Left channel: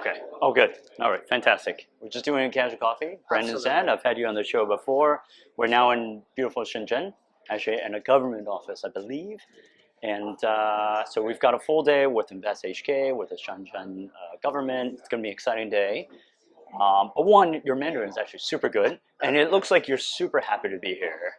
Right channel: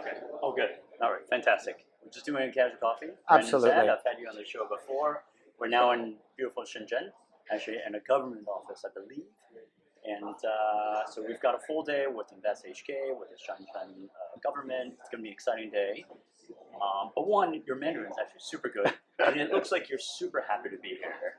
Okay. Oh, good. All right. Fantastic. We're just doing a casual coffee. Brandon Zatt, I've had you on the show before. We're now in beautiful Shenzhen, actually in a government office, I believe. And so we've got a full day with InvestHK, with the Shenzhen government. It's going to be an exciting day. But one, your Mandarin is actually super good, and it looks like you're super happy to be here,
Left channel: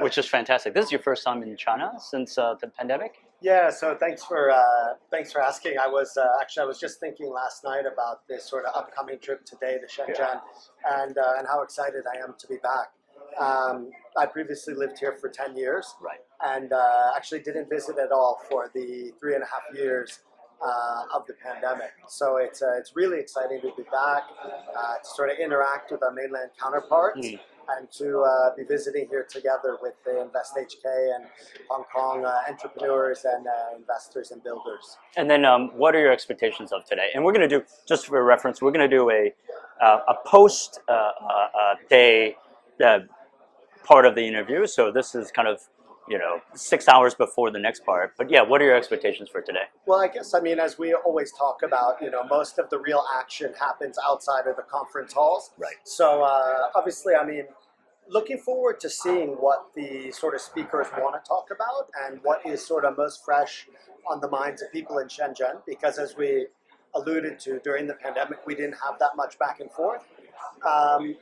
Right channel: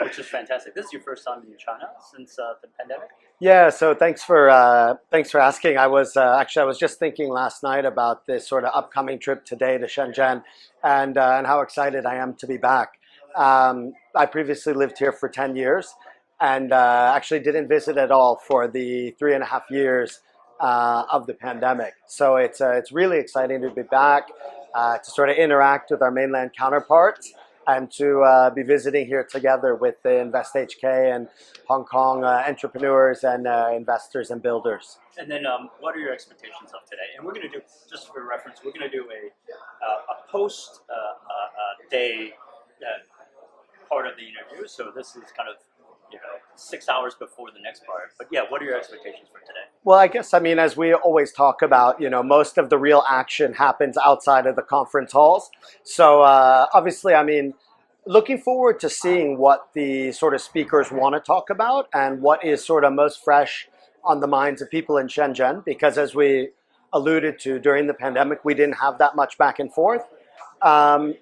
which is fantastic. This is your first time in China since the pandemic? Yeah, so thanks for asking. I was I was just thinking last night about this sort of upcoming trip today to Shenzhen, and how excited I am to be back. I previously lived here for 10 years, Right. and actually didn't visit at all for the 3.5 years of the pandemic. So it's really exciting to be back, to sort of interact with our mainland counterparts. And to be visiting here together with the InvestHK and Hong Kong entrepreneurs and investors and builders. And then what are your expectations of today? And we're going to do, just for reference, we're going to do a post day part of the interview. So this is kind of 6 hours before the next part. But yeah, what are your expectations for today? Well, I guess, as we always talk about, most of the real action happens outside of the conference halls. Right. So obviously, looking forward to seeing what the sort of speakers want to talk about and what is sort of most fresh on the minds of people in Shenzhen, because as we alluded to during the pandemic, we didn't have that much back and forth. And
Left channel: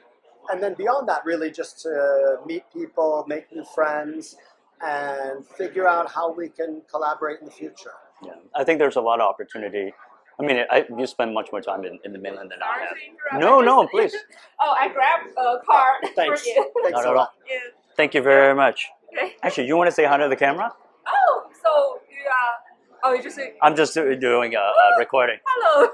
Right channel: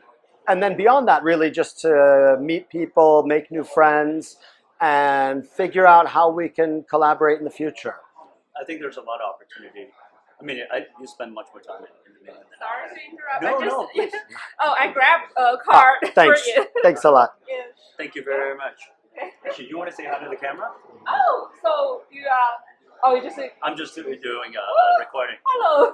then beyond that, really just to meet people, make new friends, and figure out how we can collaborate in the future. Yeah, I think there's a lot of opportunity. You spend much more time in the mainland than I have. No, please. I grabbed a card thanks. for you. Thanks a lot. Yes. Thank you very much. Okay. Actually, you want to say hi to the camera? Oh, so you are... Oh, you just... I'm just doing a recording. Hello.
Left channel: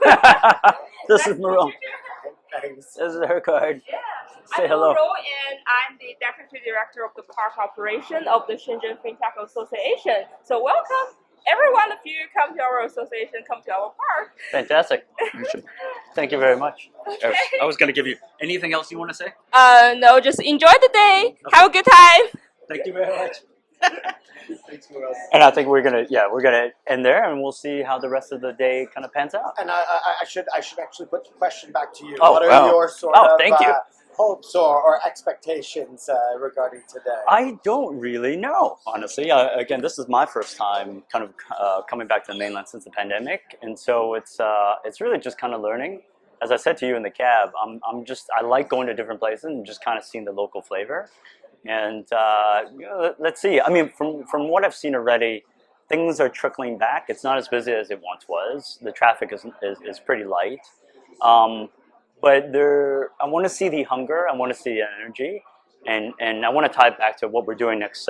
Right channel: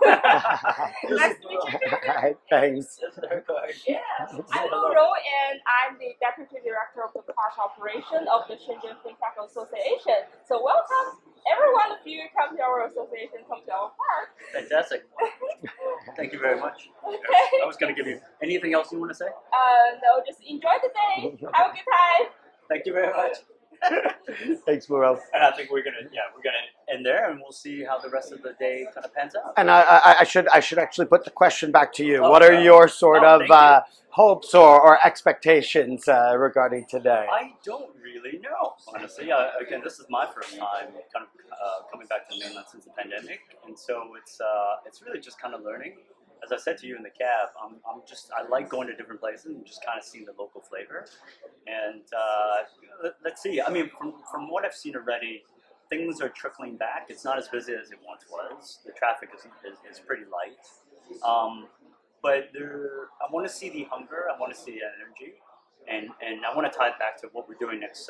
This is Marone. Hi, thanks. This is her card. Yeah. Say I'm hello. Marone, and I'm the Deputy Director of the Park Operation of the Shenzhen Fintech Association. So welcome. Every one of you come to our association, come to our park. Fantastic. Thank you very much. Okay. I was going to give you anything else you want to say? No, just enjoy the day. Have a good time. Thank you very much. Thanks, Murel. And I think we're gonna end there, and we'll see how the rest of the day kind of pans out. And I should actually put the question back to you. What are your sort of hopes or expectations regarding today? I don't really know, honestly. Again, this is my first time kind of coming back to the mainland since the pandemic, and so it's really just kind of learning. As I said to you in the cab, I like going to different places and just kind of seeing the local flavor. And let's see. From what I've seen already, things are trickling back. It's not as busy as it once was. The traffic is pretty light. But I want to see the hunger. I want to see the energy, and I want to tie it back to what we're doing next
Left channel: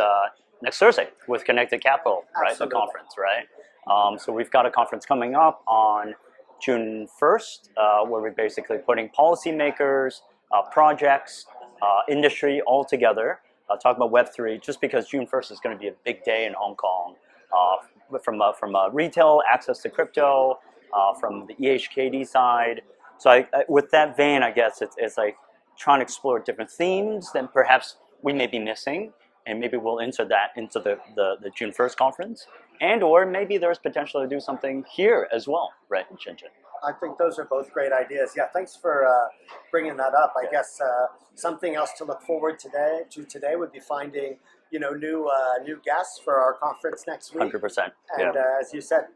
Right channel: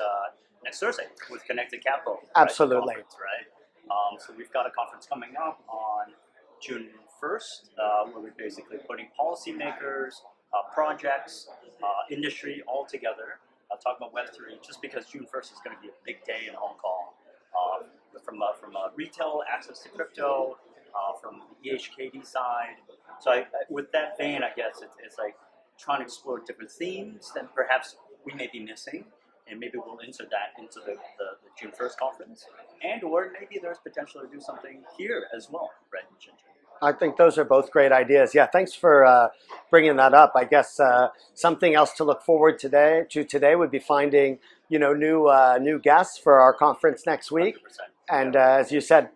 Thursday with Connected Capital. Absolutely. Right? The conference, right? So we've got a conference coming up on June 1st, where we're basically putting policymakers, projects, industry all together, talk about Web3, just because June 1st is going to be a big day in Hong Kong, from retail access to crypto, from the EHKD side. So with that vein, I guess it's like trying to explore different themes that perhaps we may be missing, and maybe we'll insert that into the June 1st conference, or maybe there's potential to do something here as well, right, in Shenzhen. I think those are both great ideas. Yeah, thanks for bringing that up. I guess something else to look forward today would be finding new guests for our conference next week. 100%. And as you said,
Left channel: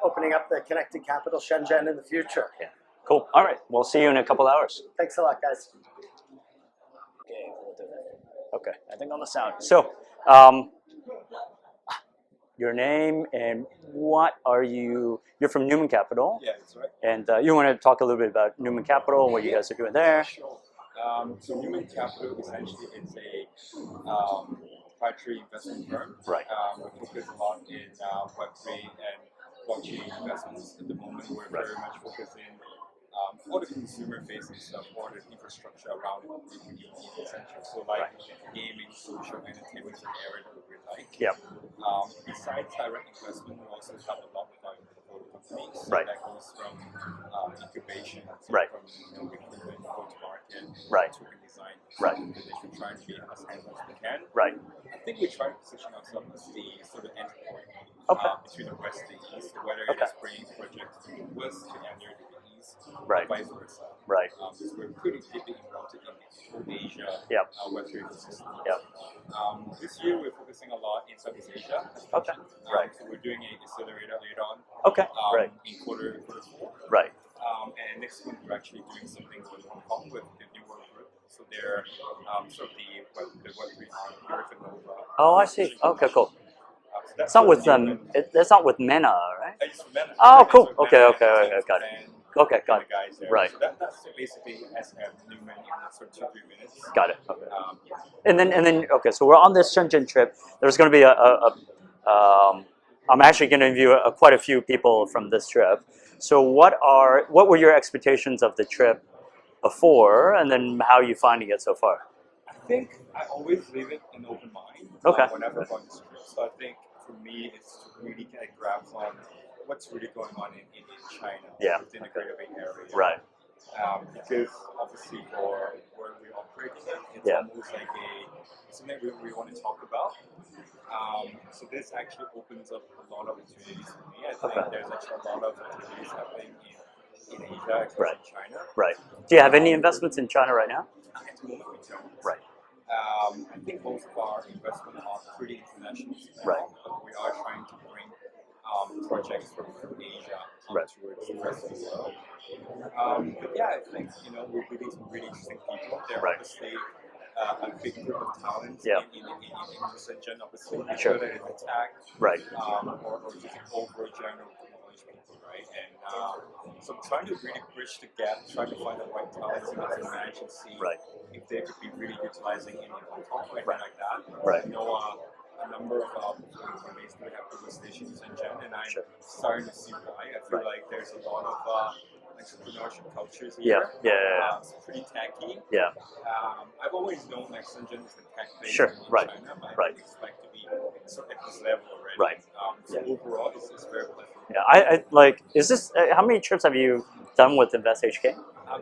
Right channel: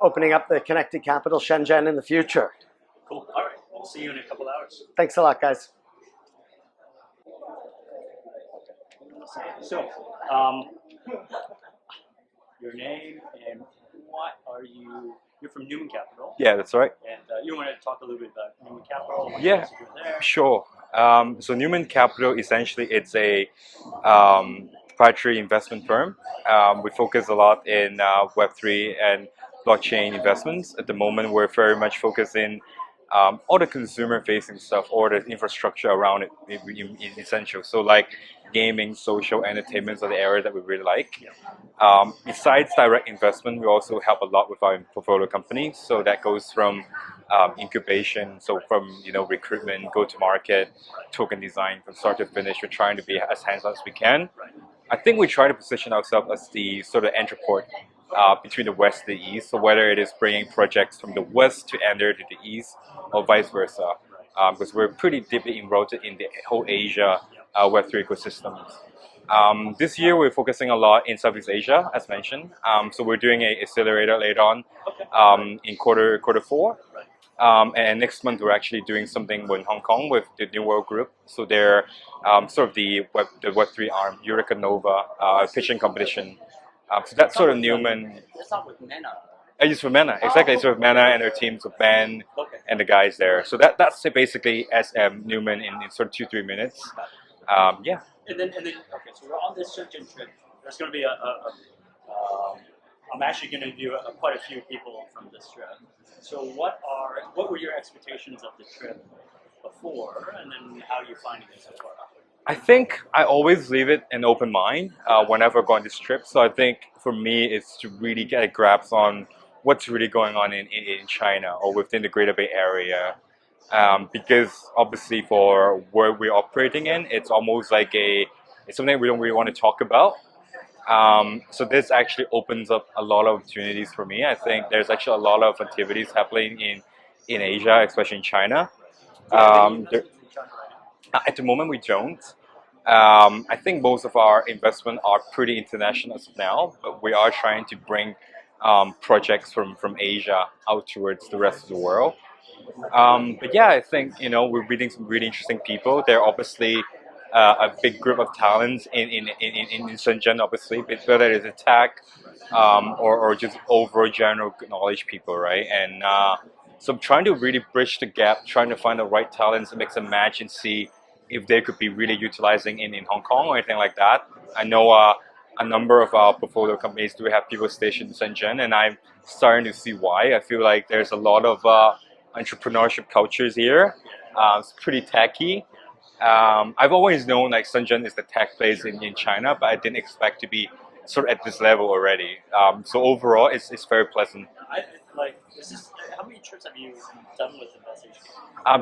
opening up the Connected Capital Shenzhen in the future. Yeah. Cool. All right. We'll see you in a couple hours. Thanks a lot, guys. Okay. I think on the sound. So, your name and what are you? You're from Newman Capital. Yeah, that's right. And you want to talk a little bit about Newman Capital, what you guys are doing there? Sure. So Newman Capital, essentially, it's a proprietary investment firm. Right. We focus a lot in Web3 and blockchain investments. At the moment, we're very much focused in all the consumer-facing stuff, or the infrastructure around it, in essential. So like gaming, social, entertainment are the areas that we really like. Yeah. Besides direct investment, we also help a lot with our portfolio companies. So that goes from incubation, from recruitment, go-to-market, token design, from start to finish. We're trying to be as hands-on as we can. Right. I think we try to position ourselves as the sort of entry port between the West and the East. So whether it is bringing projects from the West to enter to the East, or Right. vice versa. Right. Because we're pretty deeply enrolled in the whole Asia Yep. Web3 ecosystem. Yep. This year we're focusing a lot in Southeast Asia, as mentioned. Right. So we're doing an accelerator later on Okay. Right. in quarter four. Right. And next month we're actually doing something in Hong Kong with the New World Group. So they're sort of the Web3 arm, Eureka Nova I see. pitching Okay, competition. cool. So that's It's not sort of with Newman. That's not with Mena, right? I use for Mena, Oh, exactly. cool. So with Okay, Mena okay, and their okay, team, so got it. Ben Okay, got and the it. guys there. Right. So that's basically SM Newman in sort of 2-3 minutes. Got it. Okay. Yeah. And then okay, so we're on this Shenzhen trip. There's going to be I'm actually going to interview quite a few people from this trip. So what were your expectations of the trip before, and then how are you finding it so far? I think I always leave it an open mind Okay. whenever I go on this trip. So I think for me, it's to really get a grasp on what's really going on in China or Yeah. within the Greater Bay Area. Right. Because obviously for where we're operating in, it's Yeah. almost like it's something we don't really want to talk about. So this actually opens up a lot of opportunities for me. I think there's actually a lot of activities happening in Asia, especially in China. Right. Do you have any there- investments in China right now? At the moment, we don't. Right. I think most of our investment are pretty international now, but we are trying to bring projects from Asia out towards the rest of the world. But yeah, I think we're meeting some really interesting people. They're obviously a big group of talents Yeah. in Shenzhen, obviously, but Sure. whether it's a tech Right. or just overall general knowledge people, right? And so I'm trying to really bridge the gap, trying to find the right talents to mix and match and see Right. if they could be really utilizing in Hong Kong or anything like that. Right. I know a number of our portfolio companies do have people stationed in Shenzhen, and I'm Sure. starting to see why. I feel like there's a lot of entrepreneurship cultures here. Yeah. It's pretty techy. Yeah. I've always known like Shenzhen is the tech place Sure. in Right. China, but I Right. didn't expect to be sort of at this level already. Right. So overall, it's very pleasant. Yeah. I like. Is this? How many trips have you done with InvestHK?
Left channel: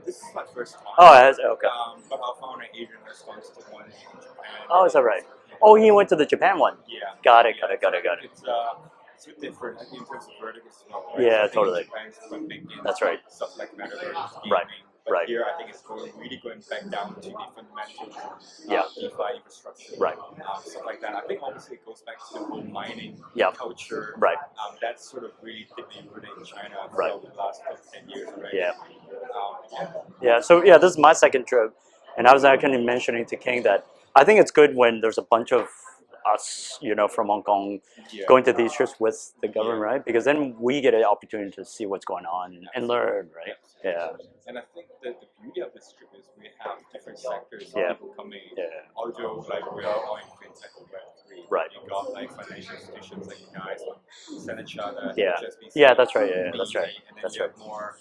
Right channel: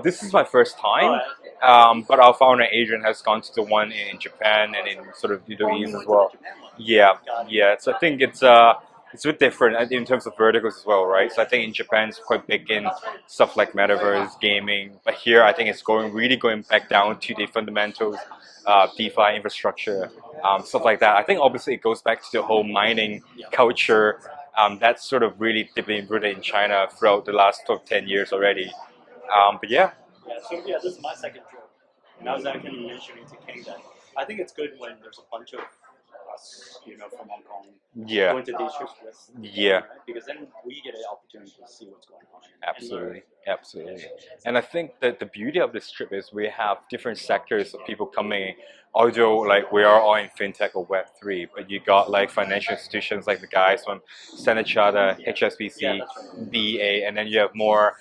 This is my first time. Oh, okay. But our founder Adrian has gone to the one in Japan. Oh, and is that right? Sort of Oh, Udemy you as went to well. the Japan one. Yeah. Got it. Yeah. Got it, So got I it, think got it's a bit different in terms of verticals as well, right? Yeah, So I think totally. in Japan it's quite big in That's right. stuff like metaverse, gaming. But Right. here I think it's really going back down to the fundamentals, DeFi infrastructure, Right. stuff like that. I think obviously it goes back to the whole mining Yep. culture. Right. That's sort of really deeply rooted in China throughout the last 10 years already. Yeah. But yeah. Yeah. So yeah, this is my second trip, and I was actually mentioning to King that I think it's good when there's a bunch of us, from Hong Kong, Yeah. going to these trips with the Yeah. government, right? Because then we get an opportunity to see what's going on and Absolutely. learn, right? Absolutely. Yeah. And I think that the beauty of this trip is we have different sectors of Yeah. people coming. Yeah. Although like we are all in fintech or Web3, but Right. you got like financial institutions like the guys from Standard Chartered, Yeah. HSBC, Yeah, that's right. Yeah, that's BEA, right. and then That's you have more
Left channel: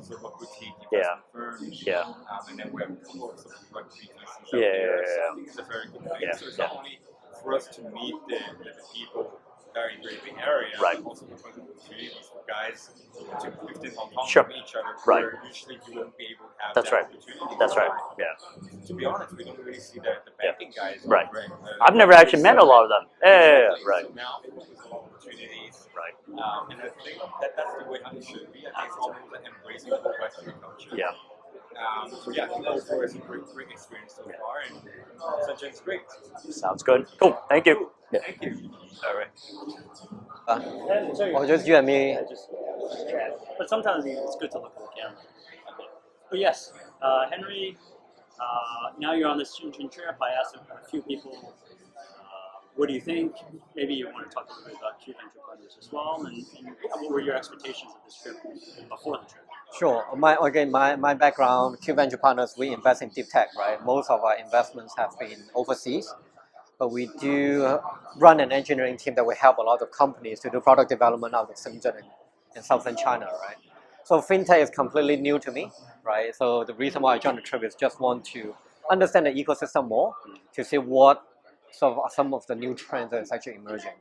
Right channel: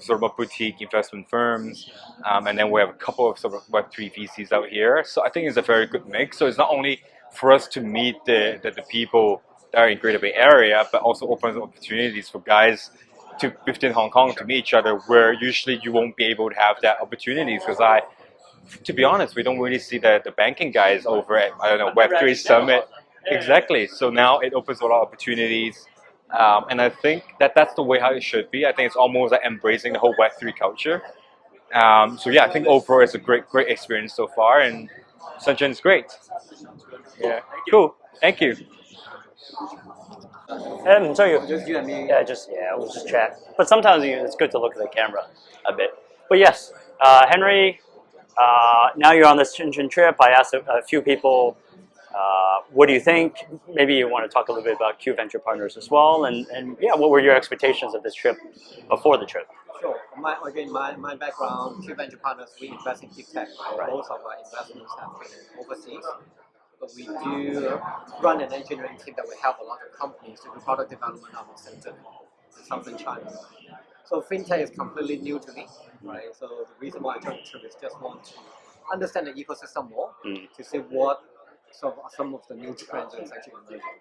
sort of boutique investment firms. Yeah. And then we have a couple of sort of Web3 VCs out here. So I think it's a very good mix. Yeah. So it's not only for us to meet the people that are in Greater Bay Area, Right. but also opens opportunities for guys to within Hong Kong Sure. to meet each other, where usually you won't be able to have That's that right. opportunities. That's Because right. Yeah. to be honest, we don't really see the banking guys Right. over at I've never Web3 actually met a Summit. lot of them. Yeah, Exactly. right. So now it opens a lot of opportunities. Right. And I think that's the way how it should be. I think it's almost like embracing the whole Web3 culture. Yeah. So yeah, I think overall it's a great experience so far, and Shenzhen is great. Sounds good. Cool. Yeah. Thank you. Cool. Yeah. Thank you. All right. So you. Just you and me. Yeah, we'll just chat. But sometimes it's good to look at the camera a bit. But yes, Henry, now you're on this Shenzhen trip. I asked a few people, what do you think? Maybe you want to talk a little bit about Q Venture Partners as well. And yeah, what were your expectations of this trip before the trip? Sure. My background, Q Venture Partners, we invest in deep tech, right? Most of our investments have been overseas, but we do run an engineering team that will help a lot of companies to do product development out of Shenzhen in southern China, right? So fintech is completely new to me, right? So the reason why I joined the trip is just want to understand the ecosystem more, to see what some of the new trends that is actually emerging.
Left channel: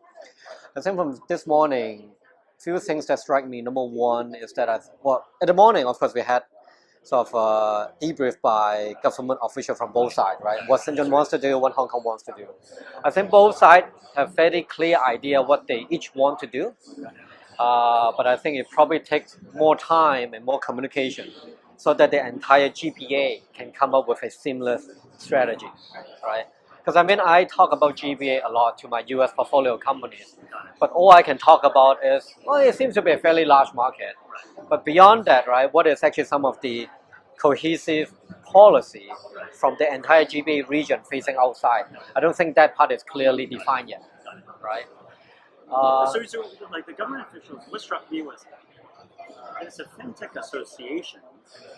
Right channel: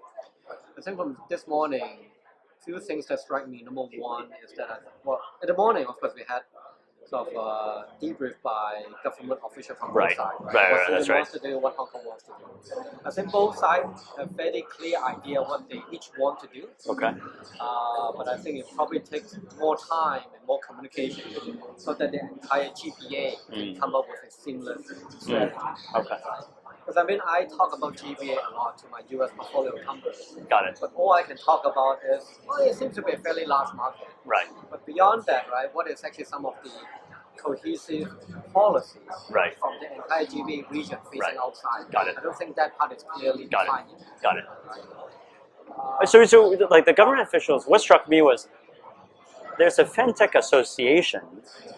I think from this morning, few things that strike me. Number one is that at the morning, of course, we had sort of debriefed by government officials from both Right. sides, right? Right, What right, Shenzhen that's wants to do, what Hong Kong wants to do. I think both sides have very clear idea what they each want to do. Okay. But I think it probably takes more time and more communication so that the entire GPA can come up with a seamless strategy. Okay. Right? Because I mean, I talk about GPA a lot to my US portfolio companies, Got it. but all I can talk about is, well, it seems to be a fairly large market. Right. But beyond that, right, what is actually some of the cohesive policy Right. from the entire GBA region facing Right. outside? Got it. I don't think that part is clearly Got it. defined yet, Got it. right? So like the government officials, what struck me was there's a fintech association,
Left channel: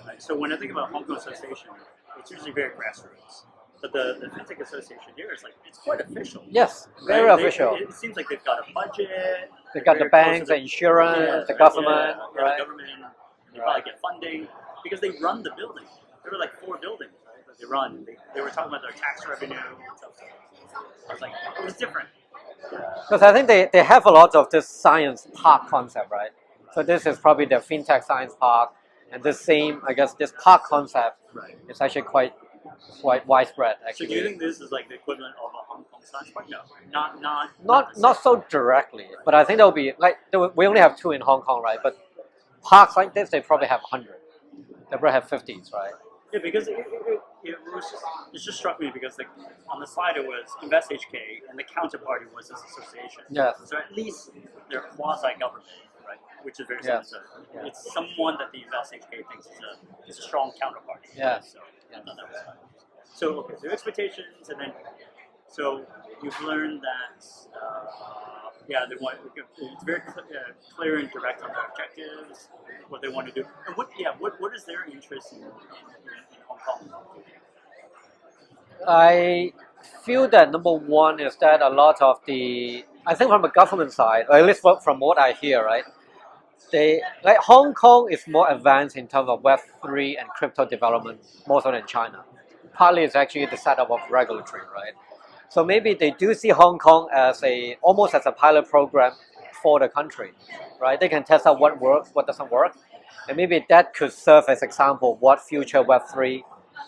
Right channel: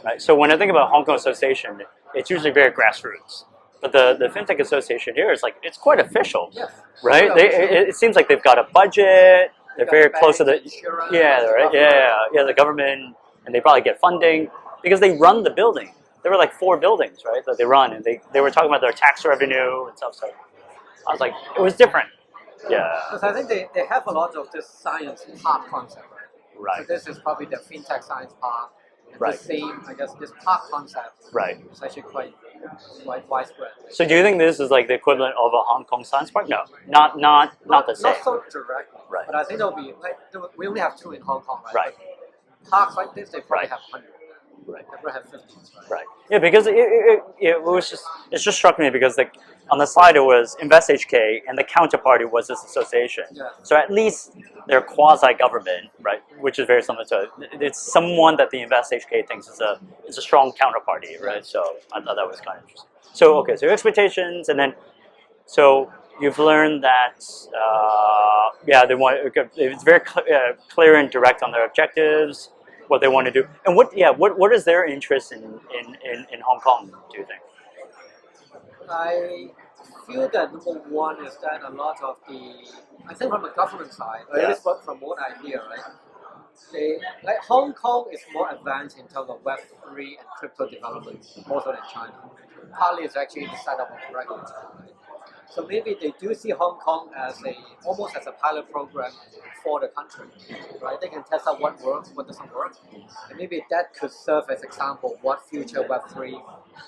right? So when I think about Hong Kong Association, it's usually very grassroots. But the fintech association here is like it's quite official, Yes, right? very official. It seems like they've got a budget. They've They're got very the banks, close to the insurance, yeah, the right, government. the right? government, and they probably get funding because they run the building. There were like 4 buildings, right, that they run, and they were talking about their tax revenue and stuff. So I was like, it was different. Yeah. Because I think they have a lot of this science park concept, right? Right. So this is probably the fintech science park, and Right. the same, I guess, this park concept Right. is actually quite widespread. So Actually. do you think this is like the equivalent of a Hong Kong Science Park? No, not the same. Not so directly, Right. but I think there'll be like we only have 2 in Hong Kong, right? Right. But parks like this, they probably Right. have 100. Right. They probably have 50s, right? Right. Yeah, because it just struck me because like on the slide it was InvestHK and the counterparty was this association. Yes. So at least they're quasi-government, right? Which is very similar to it's someone that the InvestHK thinks is a strong counterparty, Yeah. right? So I thought that was kind of interesting. So okay, so your expectations, and then so you've learned that they want it's very clear and direct on their objectives, what they want to do, and what is their interest in Hong Kong? Do you think? I feel that number one is that a lot of I think from the government side, or at least from what I hear, right? Like Hong Kong is more advanced in terms of Web3 and crypto development more so than China. Partly it's actually the setup of regulatory, right? So maybe they do see Hong Kong as almost as a pilot program for the country, right? They can test out what works, what doesn't work, and maybe that could serve as example of what future Web3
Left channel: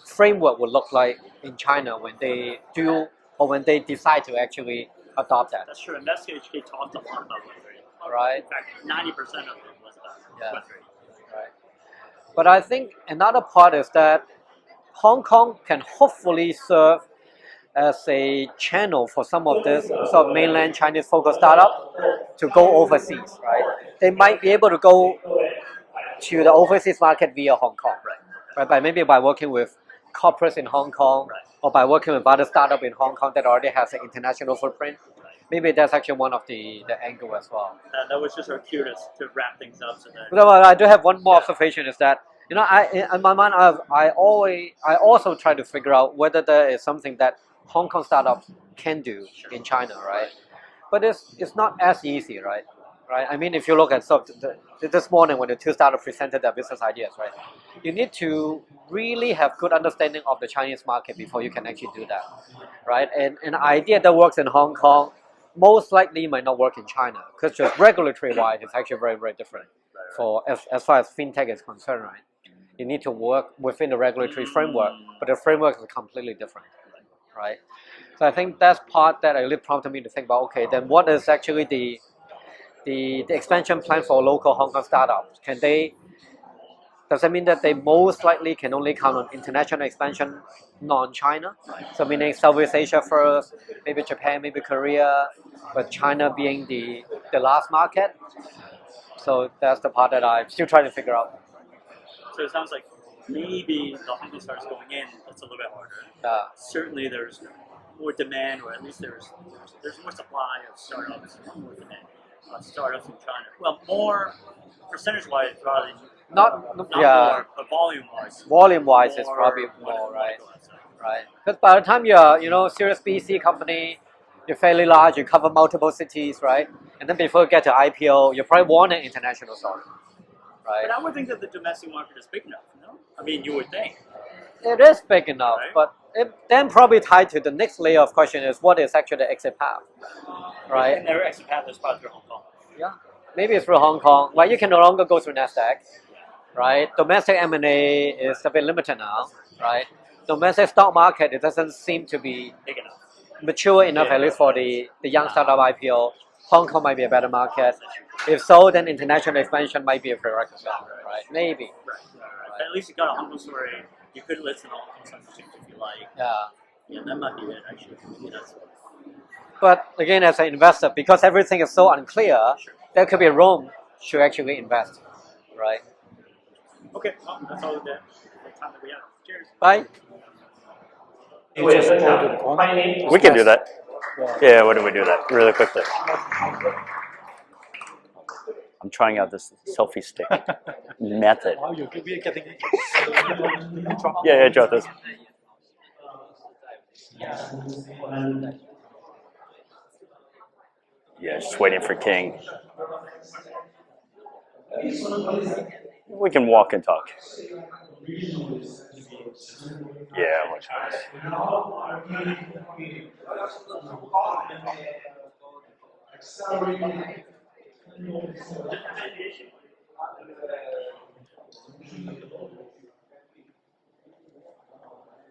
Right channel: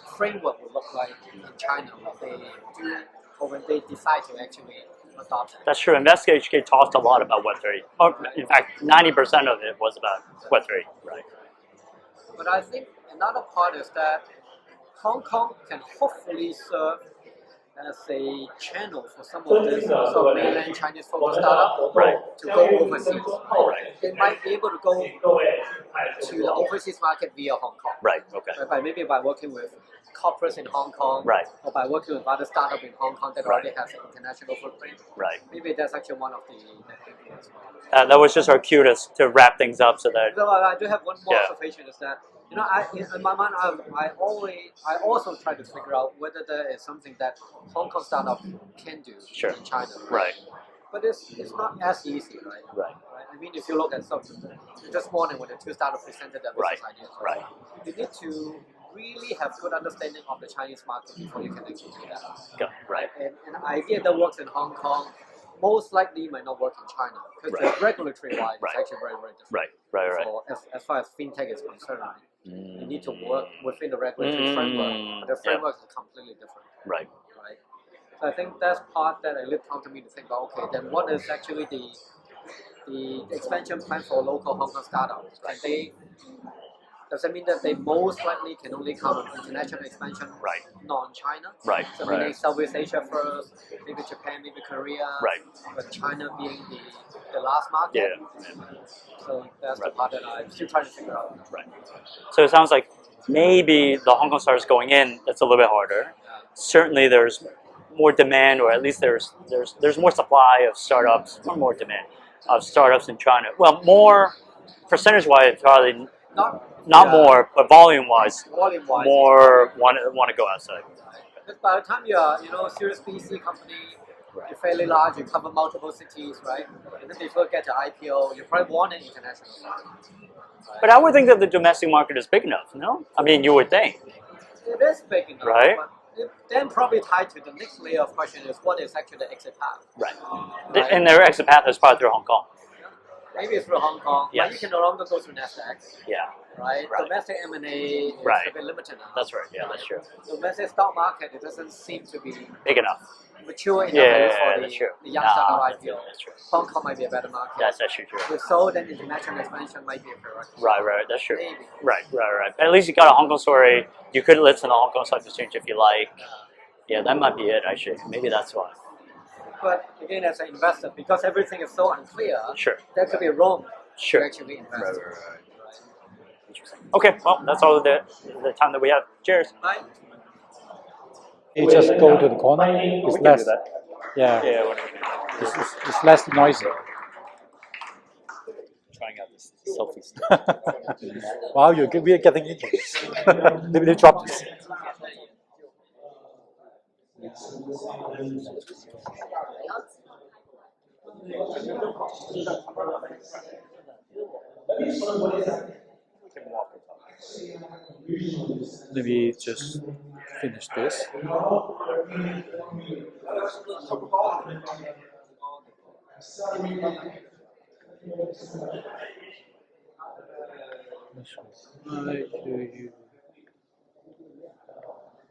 framework would look like in China when they do or when they decide to actually adopt that. That's true. InvestHK talked a lot about Web3. Right. In fact, 90% of it was about Web3. Right. But I think another part is that Hong Kong can hopefully serve as a channel for some of this sort of mainland Chinese focused startup to go overseas. Right? They might be able to go to the overseas market via Hong Kong. Right. Okay. Right? Maybe by working with corporates in Hong Kong, Right. or by working with other startup in Hong Kong that already has an international footprint. Right. Maybe that's actually one of the angle as well. That was just our cue to wrap things up so that. No, I do have one more Yeah. observation is that in my mind I also try to figure out whether there is something that Hong Kong startups can do in China, right? Right. But it's not as easy, right? Right. I mean, if you look at this morning when the 2 startups presented their business ideas, right? You need to really have good understanding of the Chinese market before you can actually do that, right? And an idea that works in Hong Kong most likely might not work in China because just regulatory wise, it's actually very, very different. Right. For as far as fintech is concerned, right? You need to work within the regulatory framework, but the framework is completely different. Right. Right. So I think that's part that really prompted me to think about, okay, then what is actually the expansion plan for local Hong Kong startups? Does that mean that they most likely can only count on international expansion, non-China? Right. So meaning Southeast Asia first, maybe Japan, maybe Korea, but China being the last market. Yeah. So that's the part that I'm still trying to figure out. Right. So it sounds like maybe the Hong Kong startups going in, it's a little bit harder. Certainly there's more demand, or at least there's more supply of startups, or more demand of startups in China. Well, more percentage-wise, probably not more, but volume-wise, Volume-wise, more want to go outside. Right. Because by the time you're Series B, C company, you're fairly large, you cover multiple cities, right? And then before you get to IPO, you probably want an international stock. Right? But I would think that the domestic market is big enough, no? I mean, you would think. It is big enough, Right. but it then probably tied to the next layer of question is what is actually the exit path? Right. And their exit path is probably through Hong Kong. Yeah. Maybe it's through Hong Kong, but you can no longer go through NASDAQ. Yeah. right? Domestic M&A is Right. a bit limited now. That's right. Yeah, right? that's true. Domestic stock market, it doesn't seem to be Big enough. mature enough, at least for Yeah, the young that's startup true. IPO. That's true. Hong Kong might be a better market. That's actually true. If so, then international expansion might be a prerequisite. Right. That's true. Maybe. Right. But at least you got a Hong Kong story. You could list in the Hong Kong Stock Exchange if you like. Yeah, that might be it actually. Maybe that's why. But again, as an investor, because everything is so unclear, Sure. there could be room Sure. to actually invest. Right. Okay, well, that's all the time that we have. Cheers. Bye. You just go to the corner. We can do that. Yeah. Yeah, why don't we do that really quickly? It's less noisy. I'm trying out this selfie stick method. Wow, we are getting into this. Let me drop this. Yeah, drop this. Yeah, just waiting for King. We can walk and talk. Maybe just Yeah. finish this.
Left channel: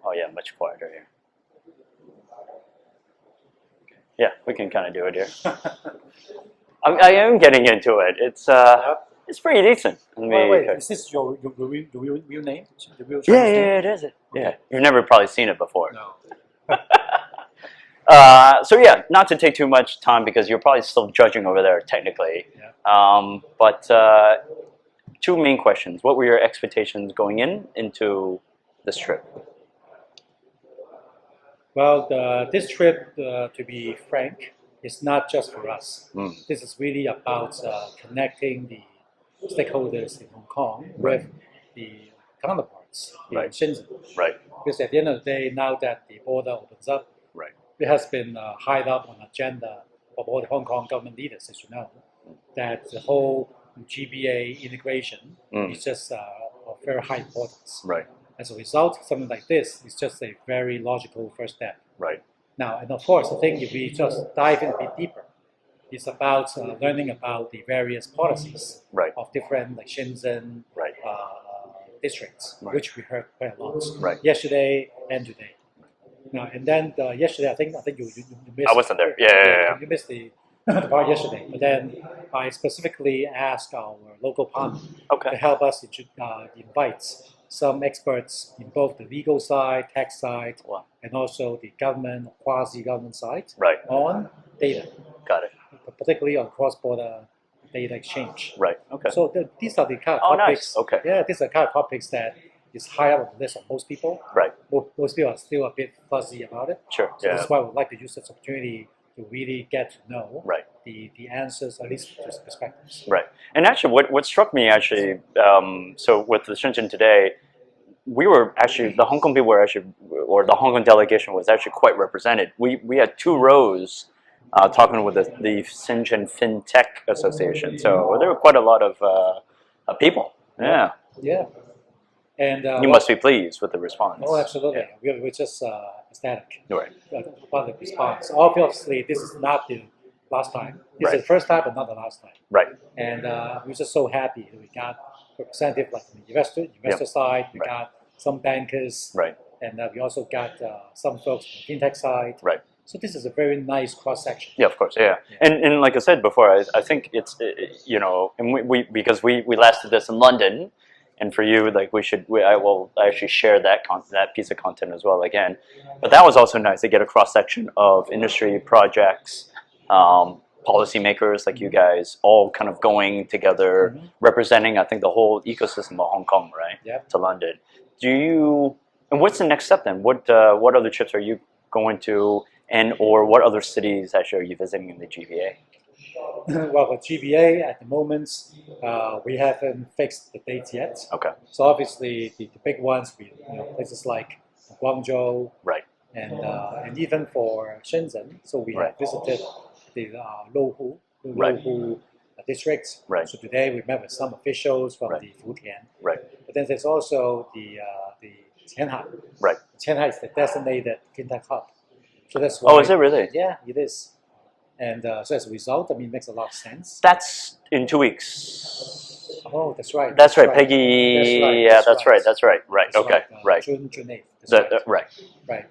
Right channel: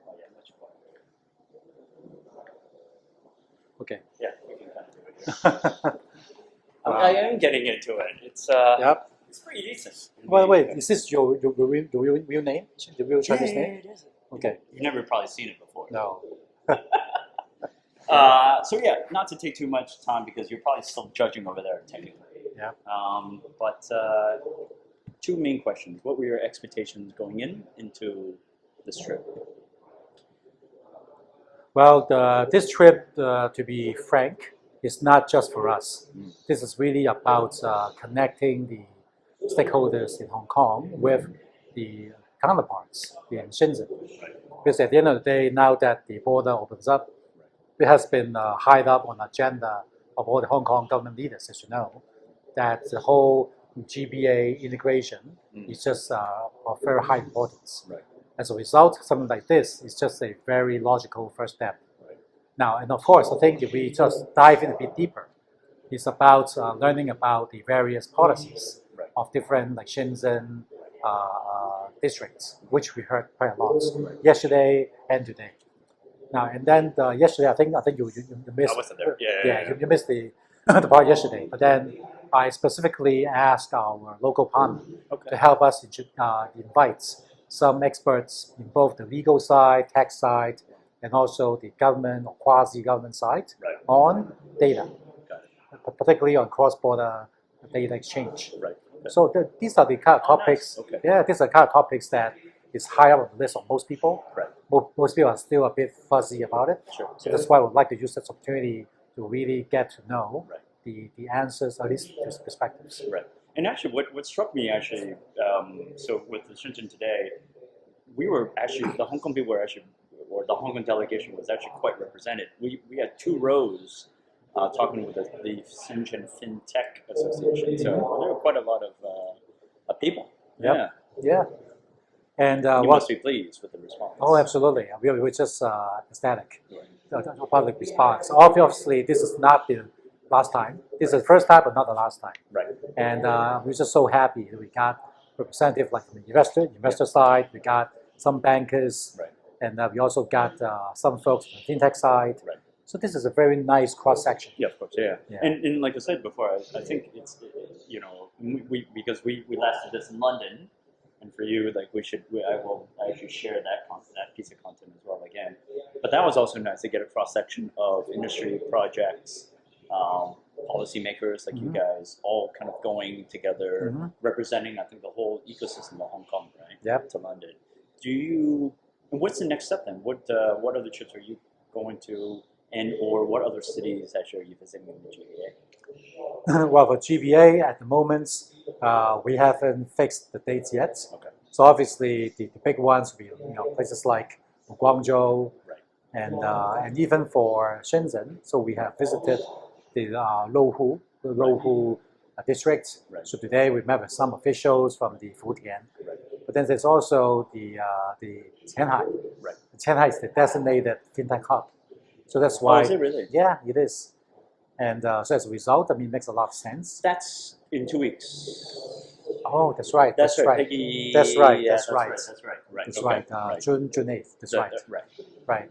Oh yeah, much quieter here. Okay. Yeah, we can kind of do it here. I am getting into it. It's it's pretty decent. I mean, Wait, is this your real name? The real yeah, Chinese name? it is. Yeah, Okay. you've never probably seen it before. No. So yeah, not to take too much time because you're probably still judging over there technically. Yeah. But two main questions. What were your expectations going into this trip? Well, this trip, to be frank, is not just for us. This is really about connecting the stakeholders in Hong Kong with the counterparts in Right. Shenzhen. Right. Because at the end of the day, now that the border opens up, Right. it has been high up on the agenda of all the Hong Kong government leaders, as you know, that the whole GBA integration is just of very high importance. Right. As a result, something like this is just a very logical first step. Right. Now, and of course, I think if we just dive in a bit deeper, it's about learning about the various policies Right. of different like Shenzhen Right. districts, Right. which we heard quite a lot Right. yesterday and today. Now, and then yesterday, I think you missed. I wasn't there. Yeah. You missed the the part yesterday. But then I specifically asked our local partner Okay. to help us invite some experts in both the legal side, tax side, Wow. and also the government or quasi-government side Right. on data, Got it. particularly on cross-border data exchange. Right. Okay. So these are the kind of Oh, nice. topics. Okay. Yeah, these are the kind of topics that is high up on the list of most people. Right. Most people are still a bit fuzzy about it. Sure. So Yeah. that's why I would like to use this opportunity to really get to know Right. the answers, at least just perspectives. Right. And actually, what struck me actually, so with the Shenzhen today, we were actually, the Hong Kong people were actually, or the Hong Kong delegation was actually quite represented. We had 2 rows talking with the Shenzhen Fintech Association. So there were quite a lot of people. Yeah. Yeah. And You must be pleased with the response. Oh, absolutely. We're just ecstatic Right. about the response. Obviously, this is not the last time. This Right. is the first time, but not the last time. Right. And we're just so happy that we got representative like from the investor side. We Right. got some bankers, Right. and we also got some folks from the fintech side. Right. So this is a very nice cross section. Yeah, of course, yeah. Yeah. And like I said before, I think it's, and we because we last did this in London, and for you, like I will actually share that piece of content as well again. But that was also nice to get a cross section of industry projects, policymakers like you guys, all kind of going together, representing I think the whole ecosystem of Hong Kong, right? Yeah. To London. And what's the next step then? What other trips are you going to? And or what other cities actually are you visiting in the GBA? Well, for GBA at the moment, we haven't fixed the dates yet. Okay. So obviously the big ones will be places like Guangzhou, Right. and even for Shenzhen. So we have visited the Leung, Right. district. Right. So today we met with some officials from Right. the Futian. Right. But then there's also the Qianhai. Right. Qianhai is the designated fintech hub. So that's why. Oh, is it really? Yeah, it is. And so as a result, it makes a lot of sense. That's in 2 weeks. Oh, that's right. That's right, Peggy. That's right. Yeah, that's right. That's right. Right. That's Okay. Right. June 8th. That's The- right. right.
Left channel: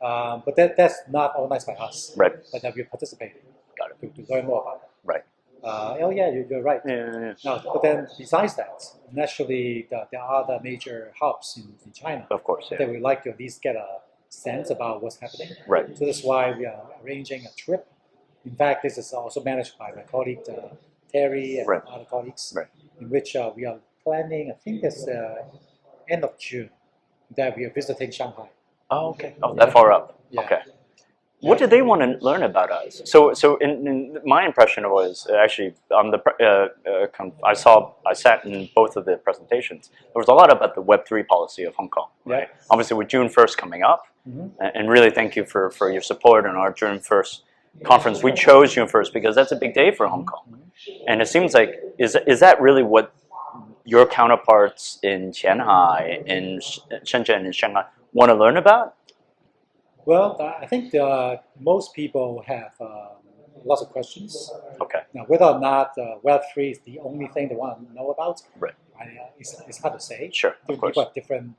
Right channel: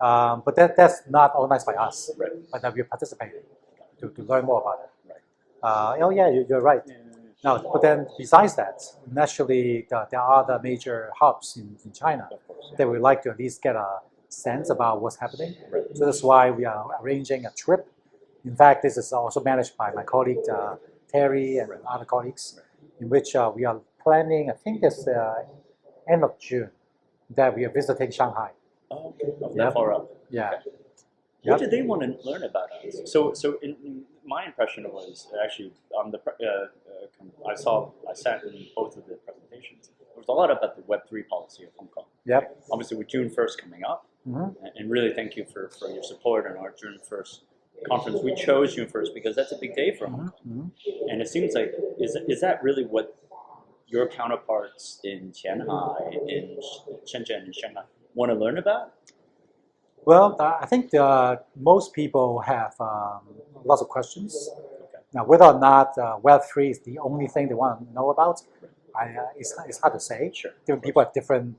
Right. But that's not organized by us. Right. But that we participated Got it. to learn more about it. Right. Oh yeah, you're right. Yeah. Now, but then besides that, naturally there are other major hubs in China Of course. Yeah. that we like to at least get a sense about what's happening. Right. So that's why we are arranging a trip. In fact, this is also managed by my colleague Terry and Right. other colleagues, Right. in which we are planning, I think it's end of June, that we are visiting Shanghai. Oh, okay. Oh, that far up. Yeah. Okay. What do they want to learn about us? So in my impression was actually I sat in both of the presentations. There was a lot about the Web3 policy of Hong Kong. Right. Yeah. Obviously, with June 1st coming up, Mhm. and really thank you for your support on our June 1st conference. We chose June 1st because that's a big day for Hong Kong, and it seems like is that really what your counterparts in Shanghai, in Shenzhen, and Shanghai want to learn about? Well, I think most people have lots of questions. Okay. Now, whether or not Web3 is the only thing they want to know about, Right. It's hard to say. Sure. Of Different people course. have different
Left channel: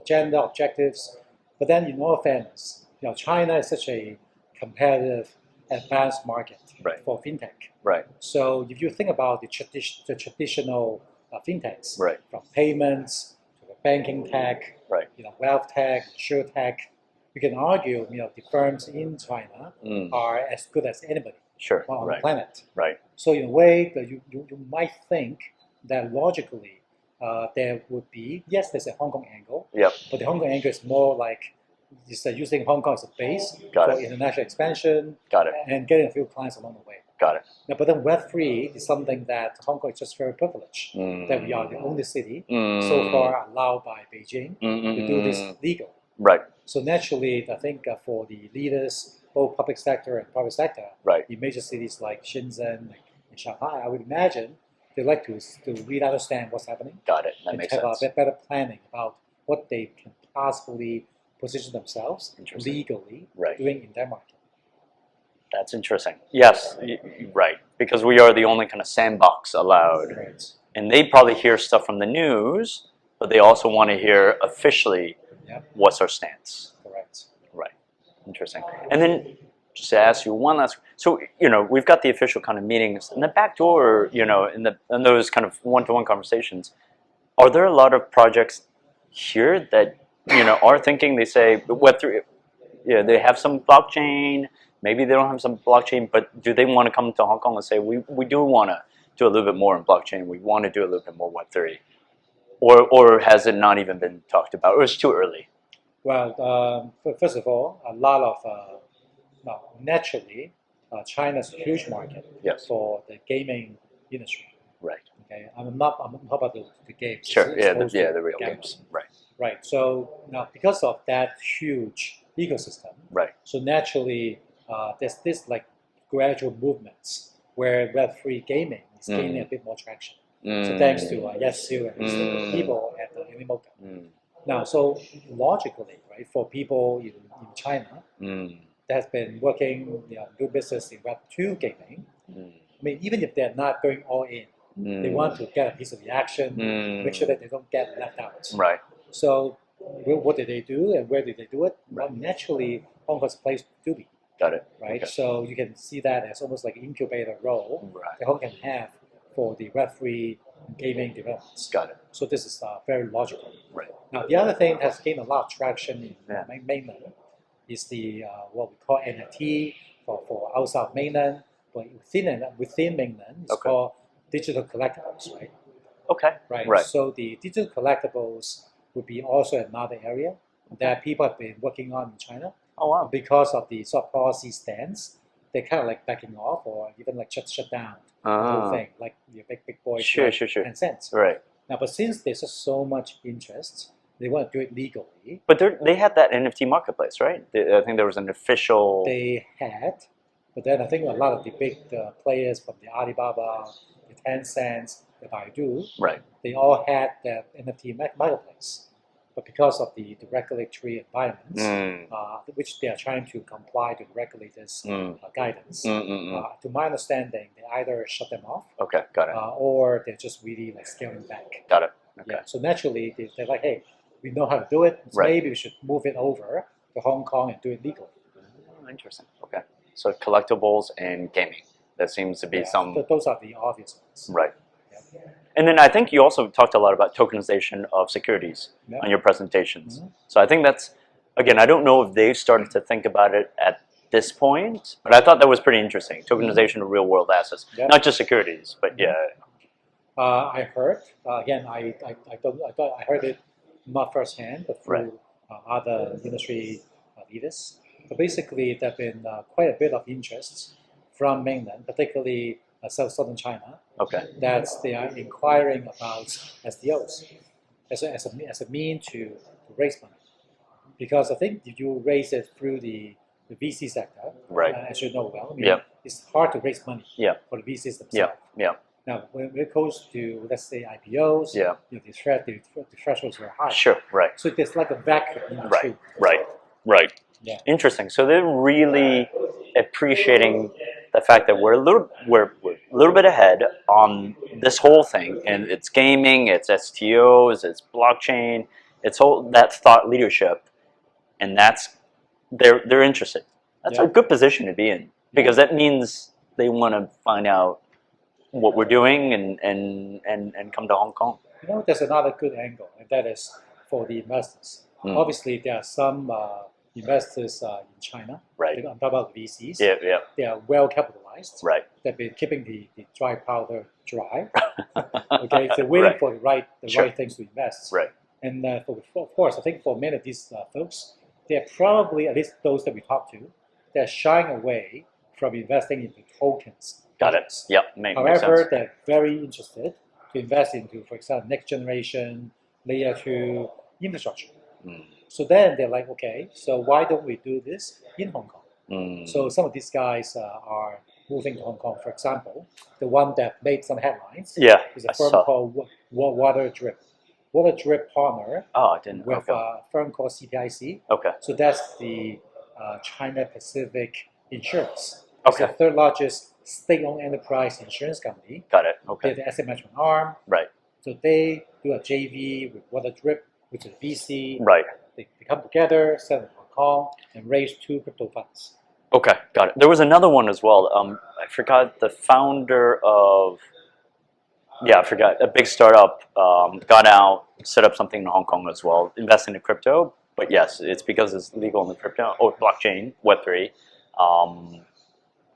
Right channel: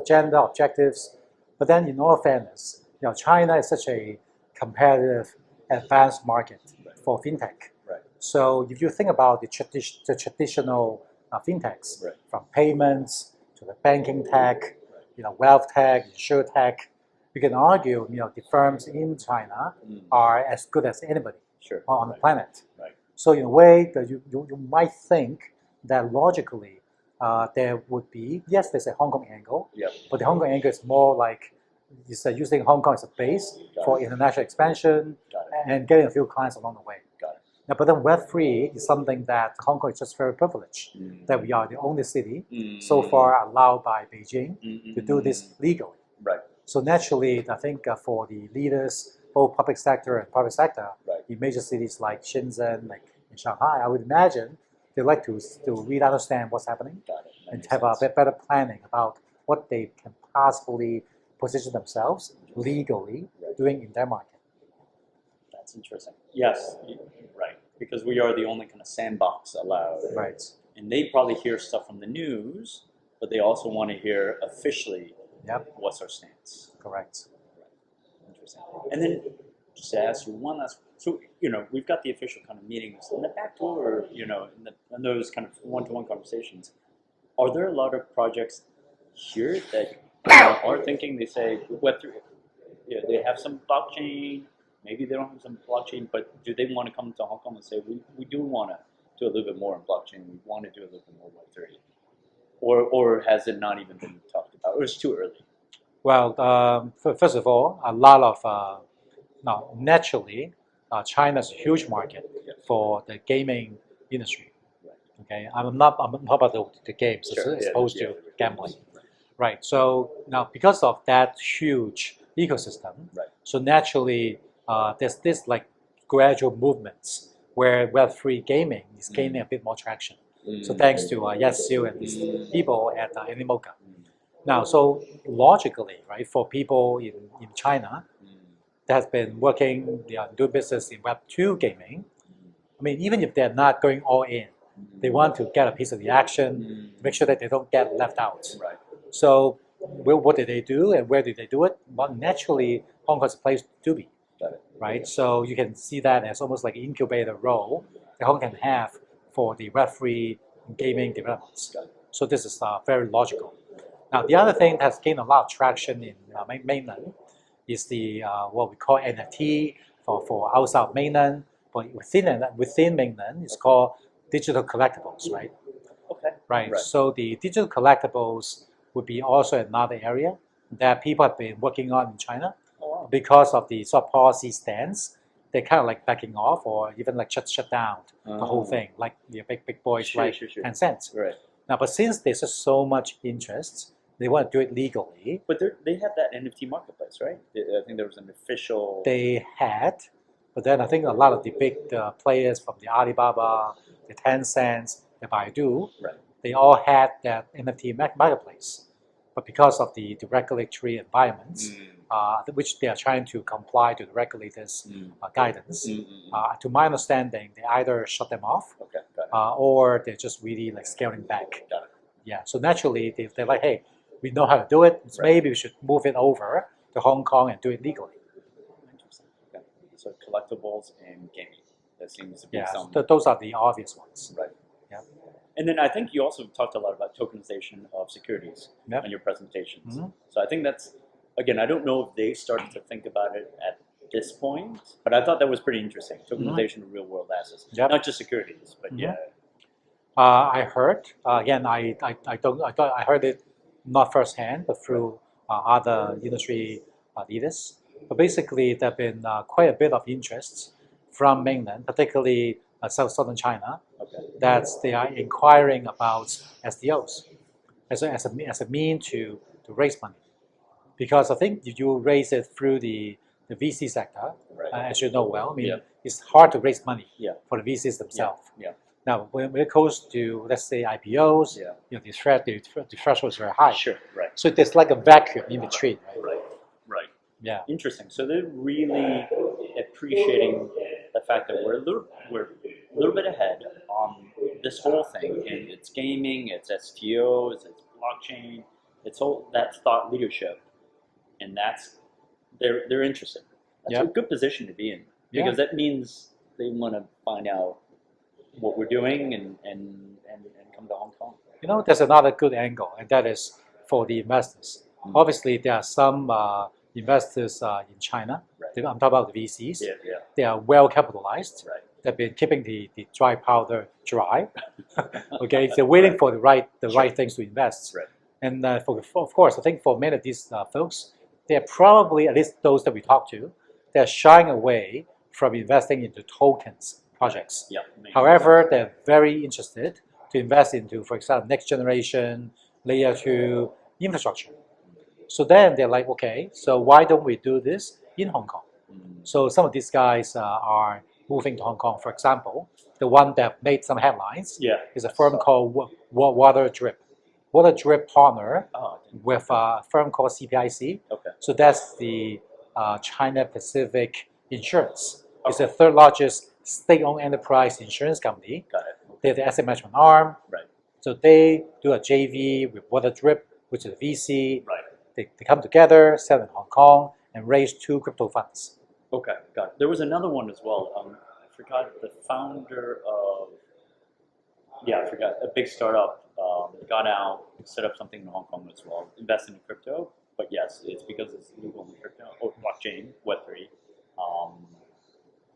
agenda, objectives. But then, in all fairness, China is such a competitive, advanced market Right. for fintech. Right. So if you think about the traditional fintechs, Right. from payments to the banking tech, Right. wealth tech, insure tech, you can argue, the firms in China are as good as anybody Sure. on the Right. planet. Right. So in a way, that you might think that logically there would be, yes, there's a Hong Kong angle, Yep. but the Hong Kong angle is more like using Hong Kong as a base Got for it. international expansion Got it. and getting a few clients along the way. Got it. Now, but then Web3 is something that Hong Kong is just very privileged that we are the only city so far allowed by Beijing to do this legally. Right. So naturally, I think for the leaders, both public sector and private sector, Right. in major cities like Shenzhen, like in Shanghai, I would imagine they like to really understand what's happening Got it. That and makes have sense. a bit better planning about what they can possibly position themselves Interesting. legally Right. doing in their market. That's interesting. Yes. Right. Because we are the only kind of sandbox allowed. Right. And they probably hear stuff from the news, but they also want to hear officially Yep. what's our stance. Correct. Right. Interesting. And then just to ask you one last. So we've got the official kind of meetings in the back door. In those kind of one-to-one conversations, are there a lot of projects here that are thinking? They say Web3. Yeah, they have some blockchain. Maybe they don't have some blockchain, but do they want to come to Hong Kong and say we do want to do a little bit more in blockchain? We want to do a little bit more Web3, or has it not even been talked about, or it's too early? Well, first of all, a lot of now naturally, China's a huge market Yes. for the gaming industry. Right. Okay, I'm not about the games. Sure. It's opposed to The real gambling. games. Right. Right. So now, because of that huge ecosystem, Right. so naturally, there's this like gradual movements where Web3 gaming is gaining a bit more traction. So thanks to Yasu and his people at Animoca. Now, so logically, right, for people in China that has been working, doing business in Web2 gaming, I mean, even if they're not going all in, they want to get a piece of the action, make sure that they don't get left out. Right. So, what did they do and where did they do it? Well, naturally, Hong Kong is a place to be, Got it. right? Okay. So you can see that as almost like an incubator role Right. that Hong Kong can have for the Web3 gaming developments. Got it. So this is very logical. Right. Now, the other thing that's gained a lot of traction in mainland is the what we call NFT for outside of mainland, but within mainland, it's Okay. called digital collectibles, right? Okay. Right. Right. So the digital collectibles would be also another area that people have been working on in China. Oh wow. Because of the soft policy stance, they're kind of like backing off or even like shut down the whole thing, like the big boys Sure, like sure, sure. Tencent. Right. Now, but since there's just so much interest, they want to do it legally. But they had that NFT marketplace, right? I think there was an official. They had, but then I think a lot of the big players from the Alibaba, the Tencent, the Baidu, Right. they all had that NFT marketplace. but because of the regulatory environments, which they are trying to comply to the regulators' guidance, to my understanding, they either shut them off, Okay, got it. or they're just really like scaling back. Got it. Okay. Yeah. So naturally, they're like, hey, we know how to do it. So Right. maybe we should move it over to Hong Kong and do it legally. Oh, interesting. Okay. So collectibles and gaming. That seems to be some. Those are the obvious ones. Right. Yeah. And then I think you also talked a lot about tokenization of securities on your presentations. So I think that's, again, I don't know if they've started to think about it at this point, but I thought that was pretty interesting. Tokenization of real world assets, not just securities, but yeah. I heard, again, I heard it not firsthand, but through other industry leaders. But basically, there have been quite a bit of interest from mainland, particularly southern China, that they are inquiring about SDOs as a mean to raise money. Because I think if you raise it through the VC sector, as you know well, it's hard to raise money for the VCs themselves. Now, when it goes to, let's say, IPOs, the threshold is very high. Sure, right. So there's like a vacuum in between. Right. Yeah. Interesting. So they're really appreciating the fact that we're a little bit ahead on this whole thing, and it's gaming, it's STOs, it's blockchain, it's that thought leadership, and they're interested. That's a good position to be in, because that means they want to find out what we're doing and come to Hong Kong. You know, there's another good angle, and that is for the investors. Obviously, there are some investors in China. Right. I'm talking about the VCs. Yeah. They are well capitalized. Right. They've been keeping the dry powder dry. Okay, they're waiting for the right things to invest. Right. And of course, I think for many of these folks, they're probably, at least those that we talk to, they're shying away from investing into tokens. Projects. Got it. Yep. However, they're very interested to invest into, for example, next generation, layer 2 infrastructure. So then they're like, okay, so why don't we do this in Hong Kong? So some of these guys are moving to Hong Kong. For example, the one that made some headlines is a firm called Water Drip. Water Drip partner with a firm called CPIC. Okay. So that's the China Pacific Insurance. It's the third largest state-owned enterprise insurance company. Got it. Okay. They're the asset management arm. Right. So they do a JV with Water Drip, which is a VC. Right. They come together, sell in Hong Kong, and raise 2 crypto funds. Okay, got it. There was another one as well. I forgot the founder of. I forgot. A big startup got out, set up something in Hong Kong as well, investing in crypto. But yes, it's because it's legal in the crypto or blockchain, Web3.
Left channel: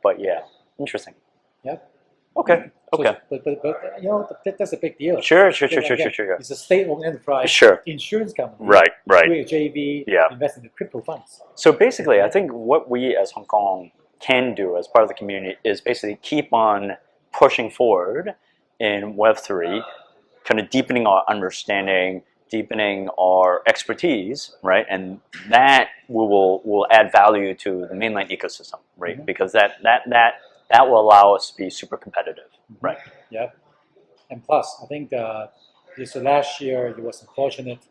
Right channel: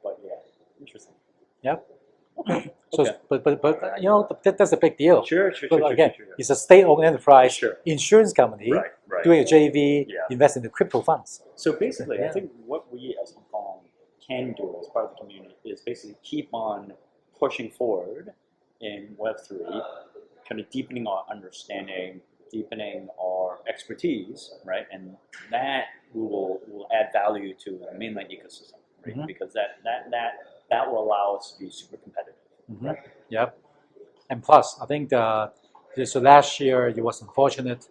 But yeah, interesting. Yeah. Okay. Okay. But you know, that's a big deal. Sure. It's a state-owned enterprise insurance company. Right. Doing a JV, invest in the crypto funds. So basically, I think what we as Hong Kong can do as part of the community is basically keep on pushing forward in Web3, kind of deepening our understanding, deepening our expertise, right? And that will add value to the mainland ecosystem, right? Because that will allow us to be super competitive, right? Yep. And plus, I think so last year it was unfortunate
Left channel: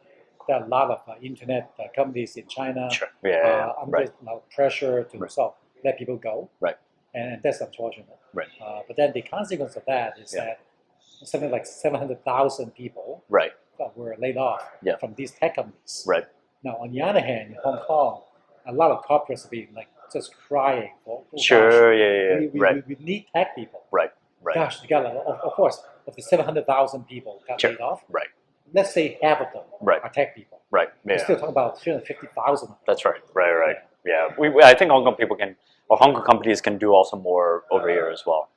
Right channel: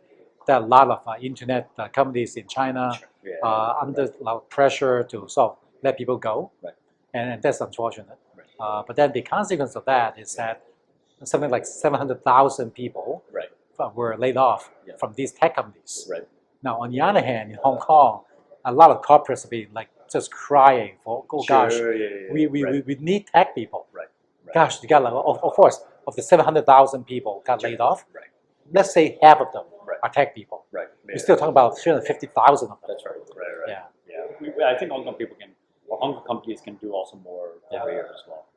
that a lot of internet companies in China under a lot of pressure to let people go. Right. And that's unfortunate. Right. But then the consequence of that is that something like 700,000 people were laid off from these tech companies. Right. Now, on the other hand, in Hong Kong, a lot of corporates have been like just crying for, we need tech people. Right. Gosh, you got of course, of the 700,000 people got laid off. Right. Let's say half of them are tech people. Right. We're still talking about 350,000 of them. That's right. Right. Yeah. I think Hong Kong people can, or Hong Kong companies can do also more over here as well.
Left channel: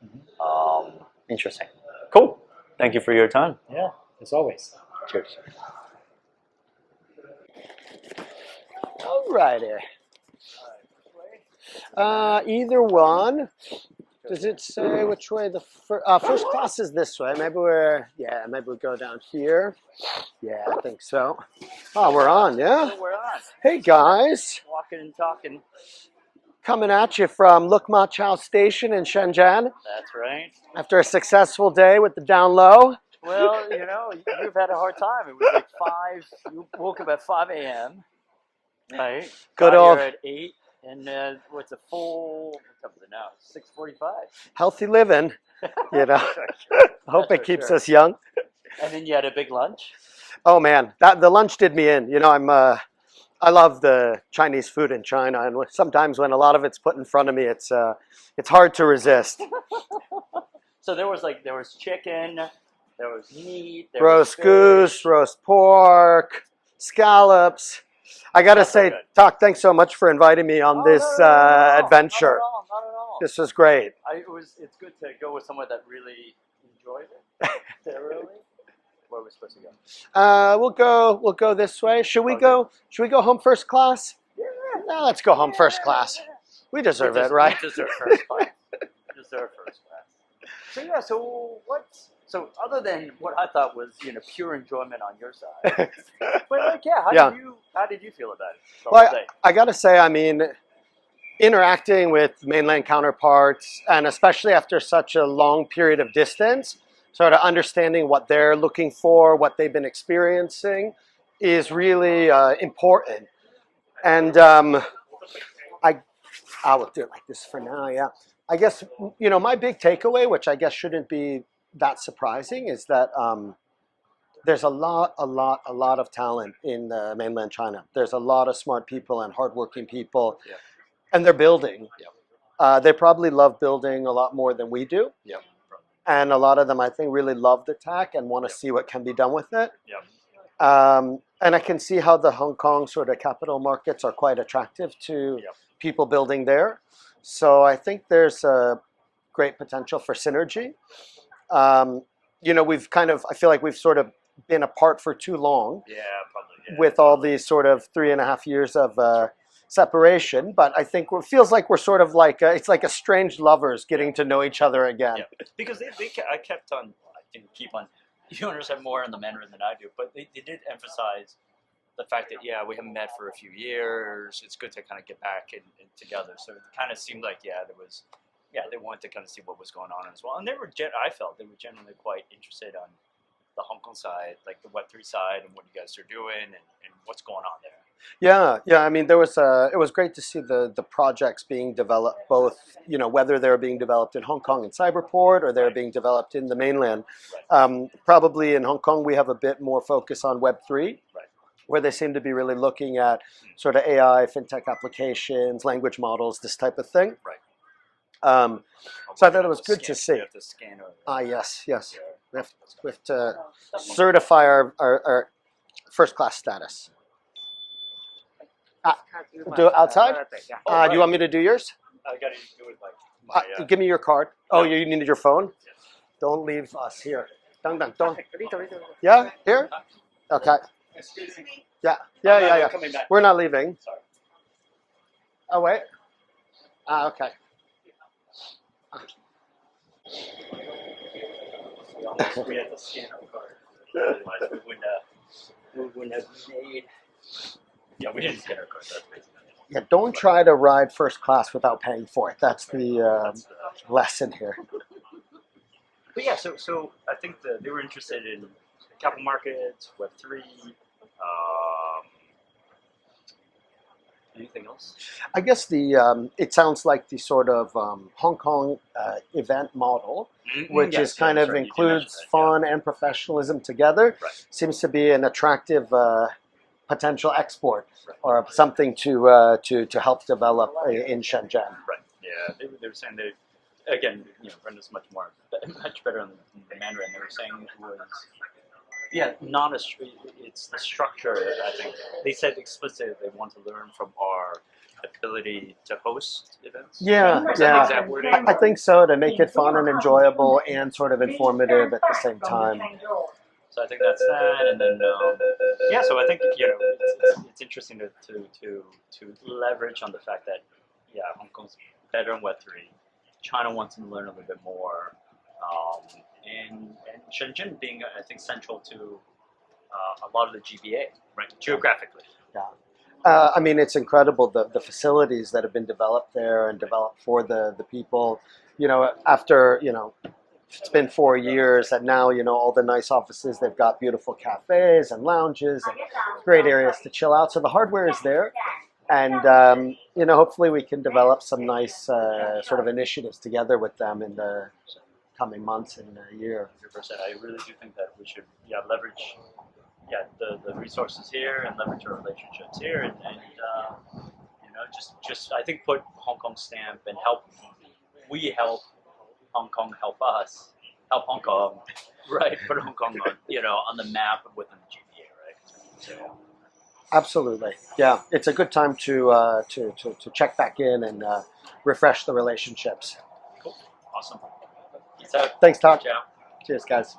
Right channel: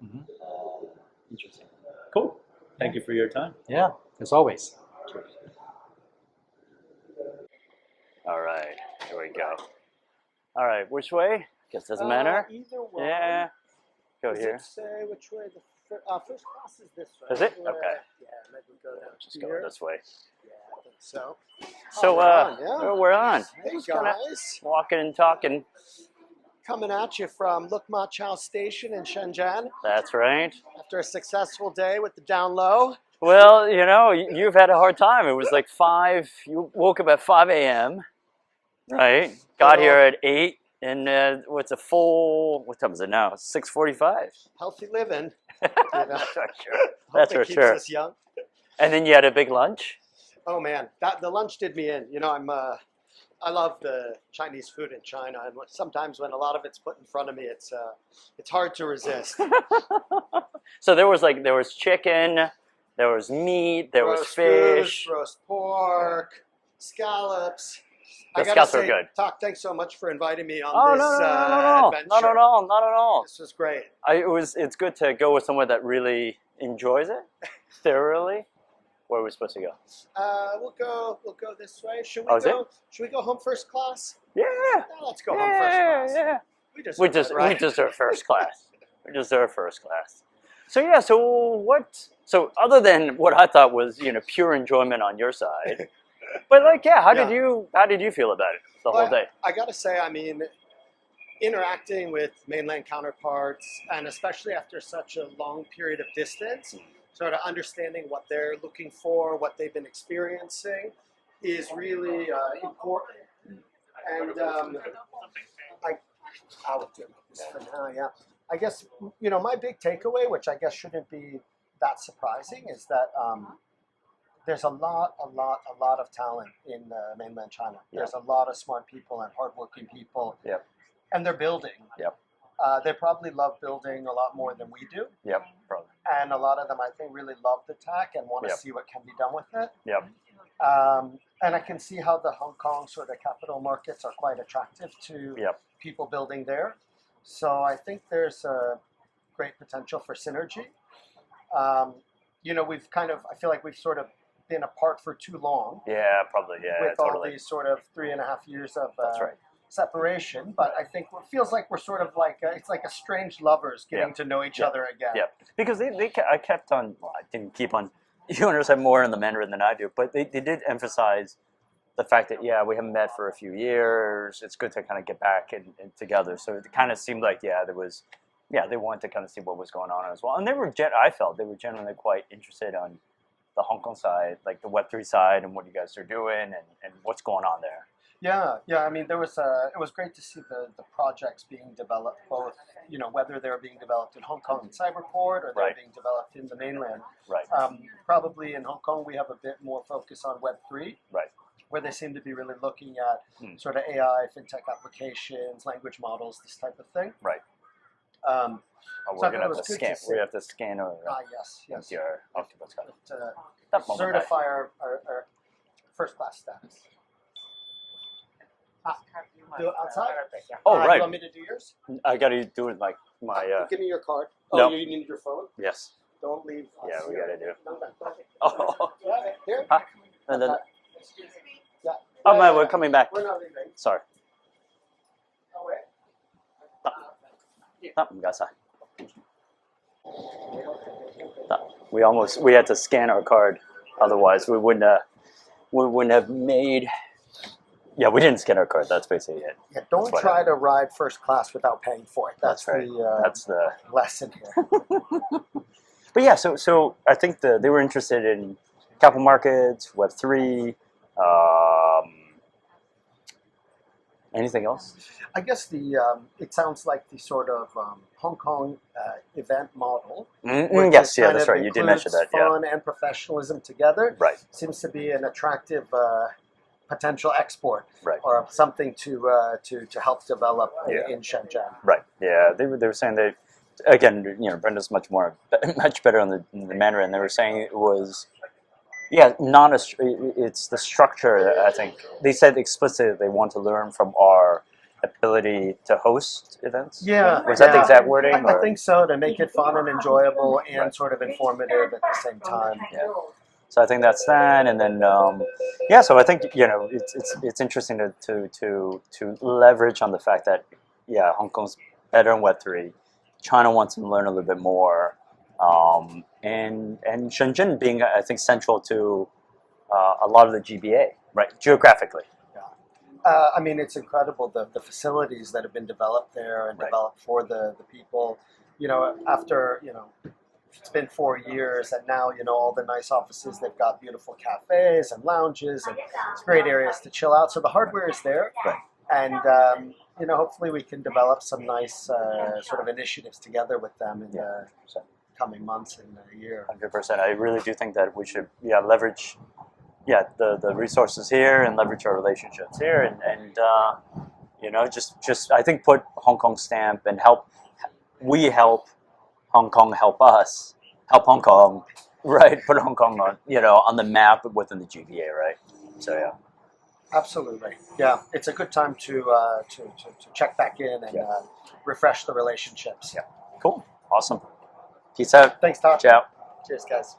Interesting. Cool. Thank you for your time. Yeah, as always. Cheers. All right. Alrighty. All right. Which way? It doesn't matter. Either one. Yeah. Go Does here. it say which way the first class is this way? Maybe maybe we'll go down here. This way. Yeah, I think so. So we're on, yeah. So we're on. Hey guys, Walking and talking. coming at you from Luk Ma Chau Station in Shenzhen That's right. after a successful day with the down low. Well, you know, you've had a hard time. It was like 5, you woke up at 5 a.m., right? Got Good here old- at 8, and what's a full, what time is it now? 6:45. Healthy living, you know. I hope That's it for keeps sure. us young. And then you had a big lunch? Oh man, the lunch did me in. You know, I love the Chinese food in China, and sometimes when a lot of it's put in front of me, it's hard to resist. So there was chicken, there was meat, there was Roast fish. goose, roast pork, scallops. I gotta scallops are say, good. Talk, thanks so much for inviting me on Oh, this no, not adventure. at all, not at all. This was great. It's good to go with someone that really enjoys it thoroughly. Where are we supposed to go? We'll go this way. Should we Oh, is go? Should we go home first class? Yeah. No, let's go home first class. Yeah. We deserve it, right? We deserve first class. We deserve first class. So yeah, so other than what I thought was, you know, pure enjoyment on your side, but like, yeah, how did you feel about it the whole day? I gotta say, I mean, interacting with mainland counterparts, and especially after such a long period of distance, sort of understanding what they're looking for, what they've been experiencing, is really important. And I will do it like this for now. Yeah, I guess, you know, my big takeaway, which I guess shouldn't be that surprising, is that there's a lot of talent in mainland China. There's a lot of smart people and hardworking people, Yep. and they're building. Yep. They probably love building a lot more than we do. Yep. Probably. And a lot of them, I think, really love the tech and want to Yep. see what can be done with it. Yep. And I can see how the Hong Kong sort of capital markets are quite attractive to Yep. people building there. So I think there's a great potential for synergy. You know, I feel like we've sort of been apart for too long Yeah, probably. Yeah. with all these sort of 3.5 years of right. separation. But I think it feels like we're sort of like, it's like a strange lovers getting Yeah. to know each other again. Yeah, because I kept on. Well, I didn't keep on. You understand more in the Mandarin than I do, but they did emphasize the fact that we haven't met for a few years. It's good to kind of get back and together. So it kind of seemed like they wanted to kind of see what was going on as well. And I felt they were generally quite interested on the Hong Kong side, like the Web3 side, and what you guys are doing and what's going on there. Yeah. I mean, it was great to see the projects being developed, both, you know, whether they're being developed in Hong Kong and Cyberport or they're Right. being developed in the mainland. Right. Probably in Hong Kong, we have a bit more focus on Web3, Right. where they seem to be really looking at sort of AI, fintech applications, language models, this type of thing. Right. So I thought it was good to see. We have to scan our. Yes. your We have octopus card. we have to That moment. certify our first class status. Do it outside? Oh, Do right. you want me to do yours? I gotta do it like my. Give me your card. no. Oh, you needed your phone? Yes. Don't leave us Yeah, we here. gotta do. Don't. Oh. Yeah, here? Hi. And Okay. then- Yeah. Oh, no, Yeah. we're coming back. We're not leaving. Sorry. Oh, wait. Okay. Oh, we got side. We had to scan our card, otherwise we wouldn't have made. Yeah, we didn't scan our card. That's basically it. Yeah, don't That's try to ride first class without paying for it. That's right. the That's the. lesson here. But yeah, so I think they were interested in capital markets, Web3. Anything else? I guess it sounds like the sort of Hong Kong event model, which Yes, is yeah, kind that's of right. You did mention includes that. Yeah. fun and professionalism together. Right. Seems to be an attractive potential export, Right. or something to help develop in Shenzhen. Right. Yeah, they were saying that again. You know, Brenda's much better on the Mandarin. They were saying it was. Yeah, it's the structure. I think they said explicitly they want to learn from our ability to host events. Yeah, Was that the exact wording? I think so, to make it fun and enjoyable and sort of informative at the same time. Yeah. So I think that's that, and then so I think it's interesting to leverage on the fact that Hong Kong's better in Web3, China wants to learn a little bit more. And Shenzhen being, I think, central to a lot of the GBA, right, geographically. I mean, it's incredible the facilities that have been developed there and Right. developed for the people. You know, after it's been 4 years, and now, you know, all the nice offices, they've got beautiful cafes and lounges and it's great areas to chill out. So the hardware is there. And, you know, hopefully we can develop some nice sort of initiatives together with them in the coming months and year. 100%. I really do think that we should leverage the resources here and leverage our relationships here and you know, just I think put Hong Kong stamp and help Hong Kong help us, help Hong Kong, right? Put Hong Kong on, you know, on the map within the GBA, right? So yeah. Absolutely, yeah. It's a good time to check back in and refresh the relationships. Cool, awesome. Peace out. Thanks, Todd. Ciao. Cheers, guys.